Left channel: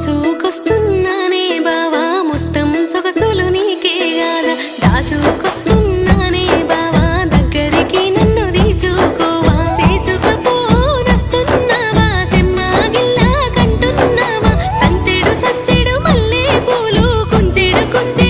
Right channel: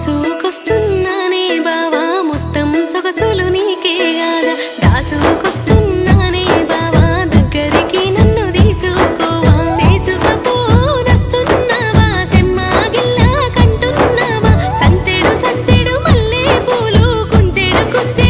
దోసుకొస్తున్నానే బావా మొత్తం సొగసులు నీకే కాదా దాసుకొస్తున్నానే బావా దగ్గరికి నన్ను తీసుకోవా. చేసుకపోనస్తున్నావా సెమ్మాగిల్లా కంటున్నావా. సంచెడు సంచెడు మల్లె పూలు కుంచెడు కుంచెడు